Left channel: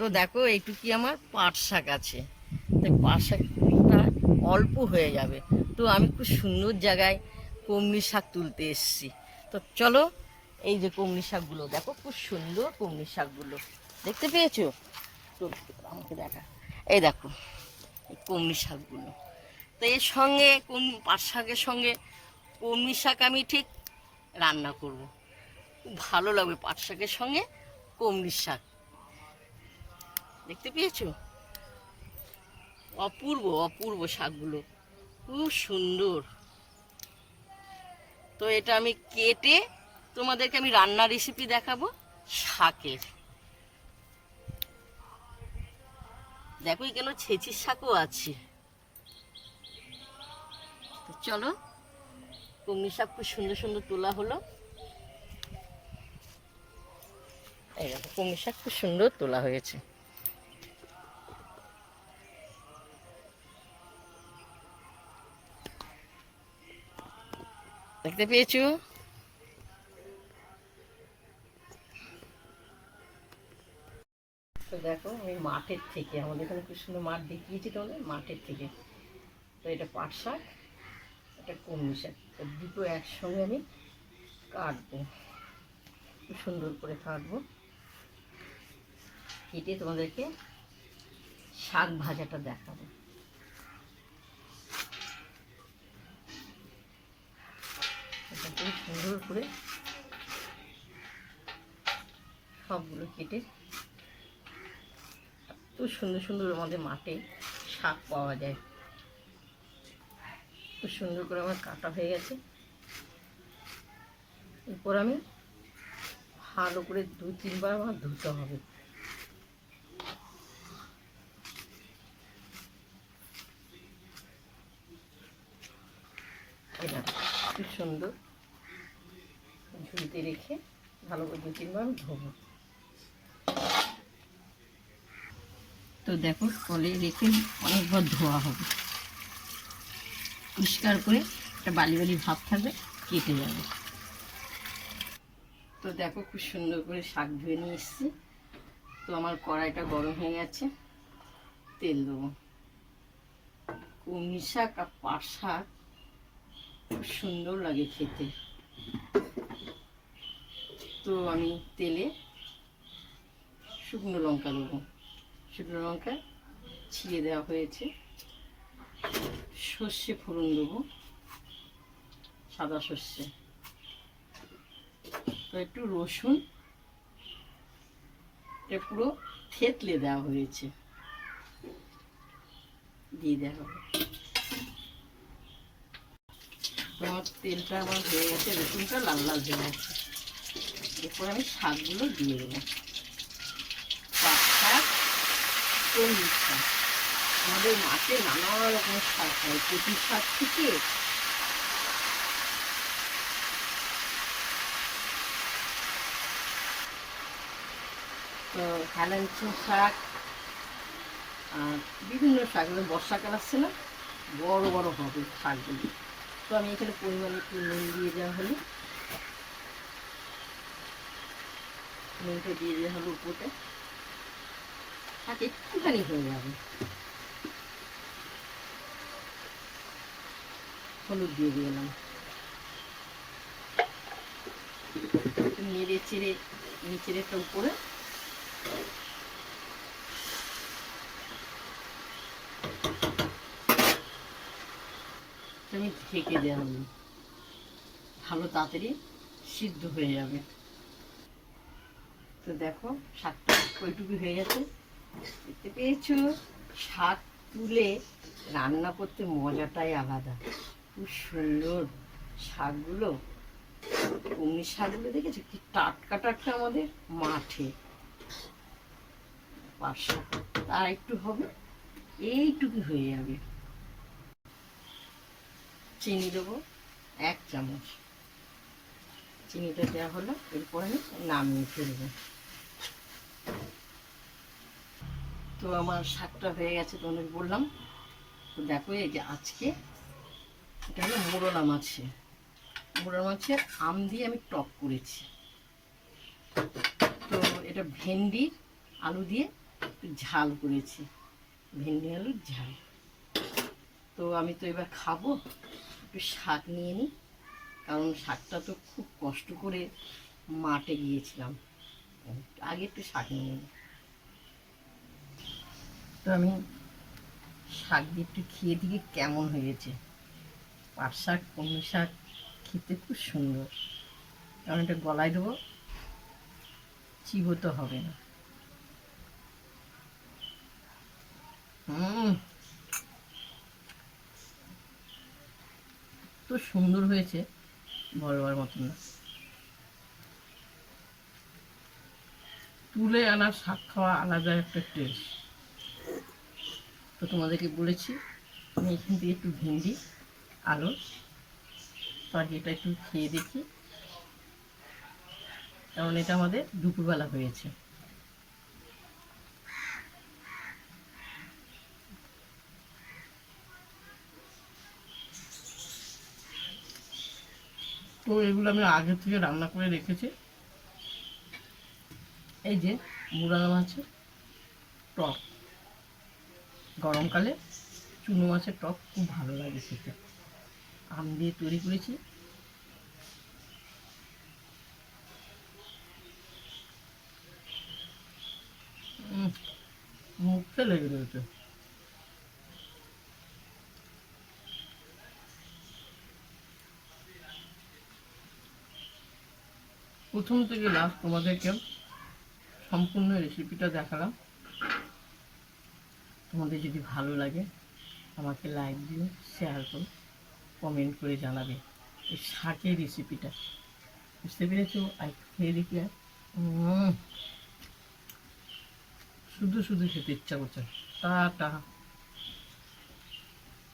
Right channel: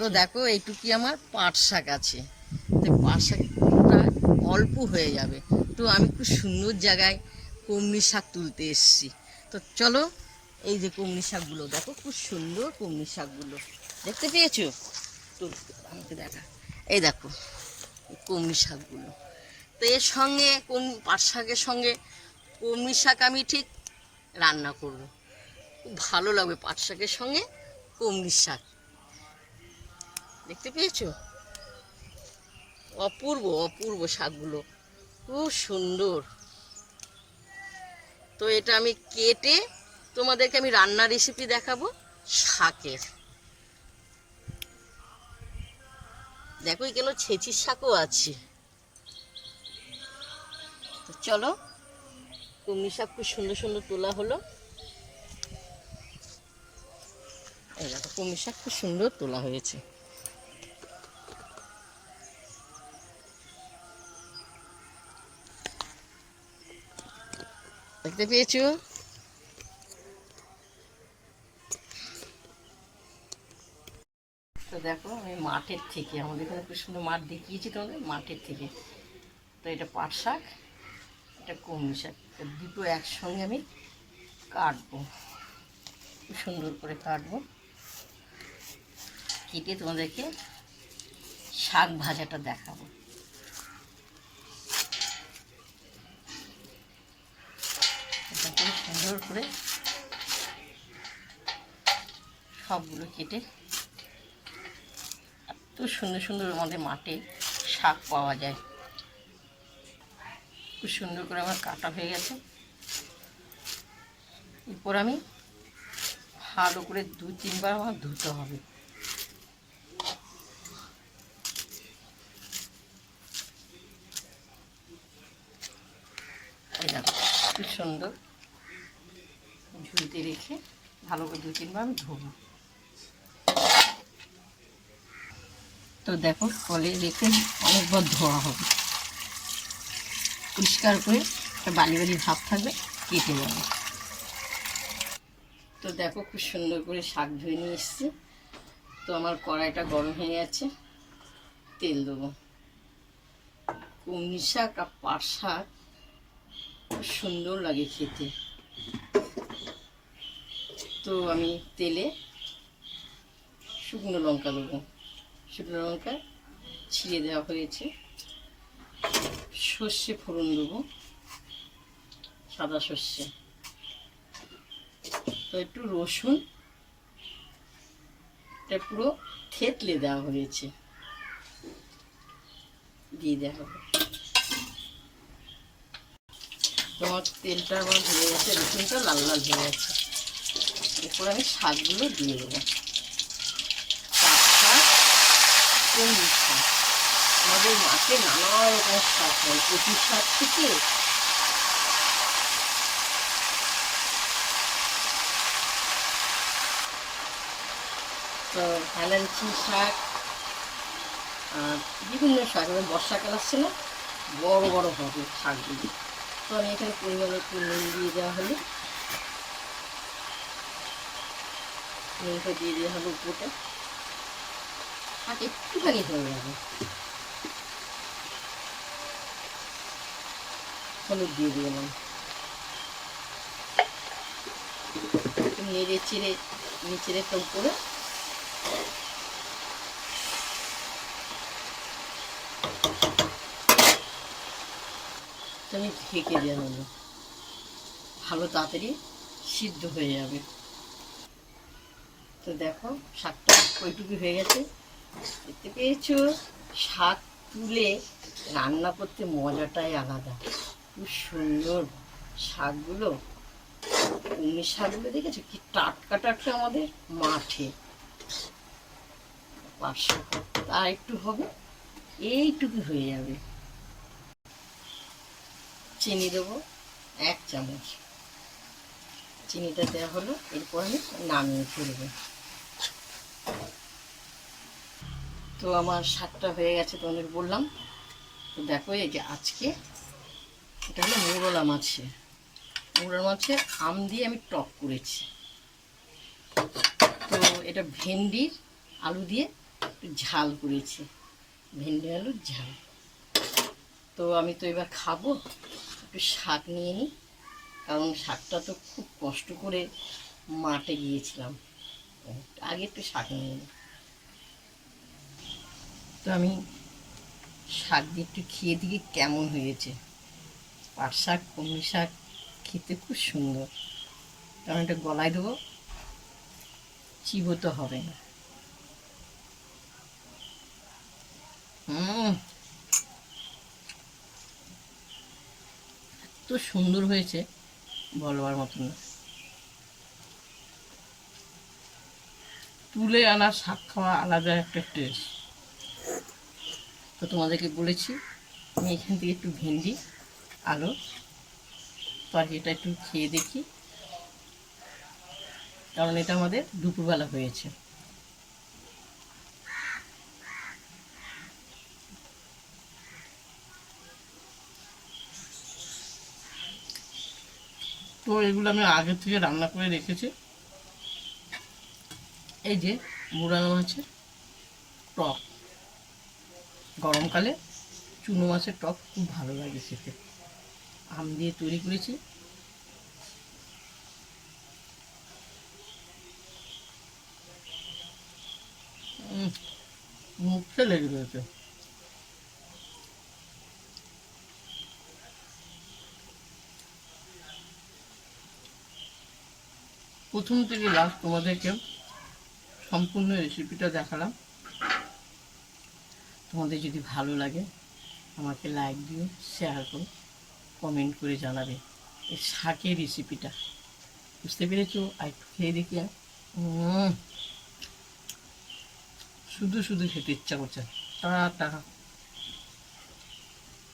তো? দেখো এইটুকি আমার পাট শাক আছে। তো পাট শাকটা অল্প হয়ে যাবে। তো আমি খুব সুন্দর জায়গায় কমনি শাক তুলতে এসেছি। তো চলো এই যে কমনি শাকগুলো দেখো খুব সুন্দর কমনি শাকগুলো। দেখতে পেয়েছ? তো আমাকে দেখা। এই দেখো কমনি শাকগুলো। তো এর সঙ্গে কম পাট শাকের সঙ্গে কমনি শাক আমি ঠিক রান্না করব। খুব ভালো লাগবে পাট শাকের সঙ্গে কমনি শাক। দেখতে পেয়েছ? অপূর্ব অপূর্ব শাকগুলো। খুব সুন্দর। তো এটা আমি কেটে তোমাদেরকে আমি রান্নার রেসিপি দেখাবো শাকের। দেখো এখানে ছেঁচির শাকও আছে। তো চলো, কুমড়ি শাক খুব সুন্দর সুন্দর তোলা হলো। এই কুমড়ি শাক খুব সুন্দর তোলা হয়েছে। দেখতে পেয়েছ? তো দেখো, আমি মাঠের থেকে, আমাদের এখানে খুব সুন্দর মাঠ দেখিয়েছি তোমাদের, মাঠের থেকে। তো এটা পাট শাক, এটা কলমি শাক। দুটো একসঙ্গে আমি কাটবো। খুব সুন্দর করে কাটবো। কেটে তোমাদেরকে শাক ভাজাটা দেখাবো। এটা করে সুন্দর করে সবগুলো কেটে এত সুন্দর সুন্দর আমাদের মাঠে শাক পাওয়া যায়। খুব সুন্দর করে আমার কাটা হয়ে গেছে। এরপর আমি ভালো করে দু তিনবার আমার ধুতে হবে। খুব সুন্দর। ঝুড়িতে রেখে ভালো করে দু তিনবার ধোবো। তো দেখো, কলে রেখে অনেকবার ধোয়া হবে। পরিষ্কার করে একটা বালি বালি ভাব থাকবে, কেটে যাবে। তো দেখো, খুব সুন্দর করে শাক ধুয়ে নিয়ে এসছি। তো আমার কড়াইটা গরম হয়ে গেছে, তেল দেবো। কুমড়ি শাক আর পাট শাক, খুব সুন্দর লাগে খেতে। আমি তেলে শুকনো লঙ্কা দেবো। শুকনো লঙ্কা ছিঁড়ে দেওয়া হয়েছে। সর্ষে ফোড়ন দেবো, সাদা সর্ষে। তো একটু রসুন, এটা পুরো থেতলে দেওয়া হয়েছে। দিয়ে দেওয়া হবে। তোমার তেলটা আমার হয়ে গেছে, রসুনটা লাল লাল হয়ে গেছে। এরপর আমি শাকগুলো দিয়ে দেবো। পাট শাক কলমি শাক। আমাদের মাঠে নানা রকম শাক হয় কচি শাক থেকে। তো হেলাঞ্চি শাক আর বিভিন্ন শাক, এবার বর্ষাকাল আসছে না, বড় বড় হবে শাকগুলি। তো আমি এখানে পরিমাণে একটু নুন দিয়ে দেওয়া হলো। নুনটা দিয়ে দেওয়া হলো উপরে শাক একটুখানি হয়ে যাবে। হলুদ দিয়ে দিলাম নেড়ে চেড়ে নিচের একটা উপরে। আমি ঢেকে দেওয়া হলো ভালো তাড়াতাড়ি সিদ্ধ হয়ে যাবে। তো দেখো, শাকটা কইটুকু হয়ে গেছে। দেখতে পেয়েছ? শাক তুলে রান্না করতে মজাটাই আলাদা। খুব সুন্দর শাকগুলো। কুমড়ি শাকগুলো দেখেছ? কি টাটকা টাটকা আমাদের মাঠে। পাট শাক তার একটু হবে, এইটুকু হয়ে যাবে। চিনি দেবো, এক চামচ। চিনিটা দেওয়া হলো, এরপর আমি নামিয়ে ফেলব। তো আমার শাকটা হয়ে গেছে, তোমাদের বললাম। তো দেখো, এই যে আজকে এটা হলো মোরলা মাছে। মোরলা মাছের আম দিয়ে আমি টক করেছি। তো এটা ভেন্ডির আলু দিয়ে একটু ঝাল করেছি। ভেন্ডি আলুর ঝাল। তো আমি তো এবার খাব, একটু শাক নিয়ে নিই। কারণ শাকটা তো খুব কষ্ট করে মাঠে গিয়েছিলাম। আগে একটু শাক নিয়ে তো আমি শাক দিয়ে একটু খেয়ে দিকে কেমন হয়েছে। পাট শাক, কলমি শাক খেতে খুব সুন্দর। কারণ এটা গলায় দেবো, চিবোতে হবে না। হুম এত সুন্দর হয়েছে। বলবার মতন না। তুলে আনা শাক খাওয়া আলাদা একটা টেস্ট তো তোমাদেরকে বলেছি, আমি এখান থেকে একটু ভেন্ডি, আলু, তরকারিটা একটু খেয়ে দেখি। কারণ এটা আমাদের দুপুরবেলা হয়েছে। তো এগুলো আমি আগে থেকে রান্না করে রেখেছি। এই যে মুরানো মাছের টক। গরমকালে চুনো মাছের টক খুব ভালো লাগে খেতে। আম দিয়ে তৈরি করেছি। মুখে লেগে রয়েছে। প্রথম থেকে লাস্ট তোমাদেরকে সম্পূর্ণ রেসিপিটা দেখালাম। তোমাদের যদি ভালো লাগে, আমাকে লাইক দিও শেয়ার করো কমেন্ট করে জানাবে এই শাকের রেসিপিটা বুঝতে পেরেছ? আর একটু খেয়ে দেখি শুধু শুধু খেতে ইচ্ছা করছে। টাটা।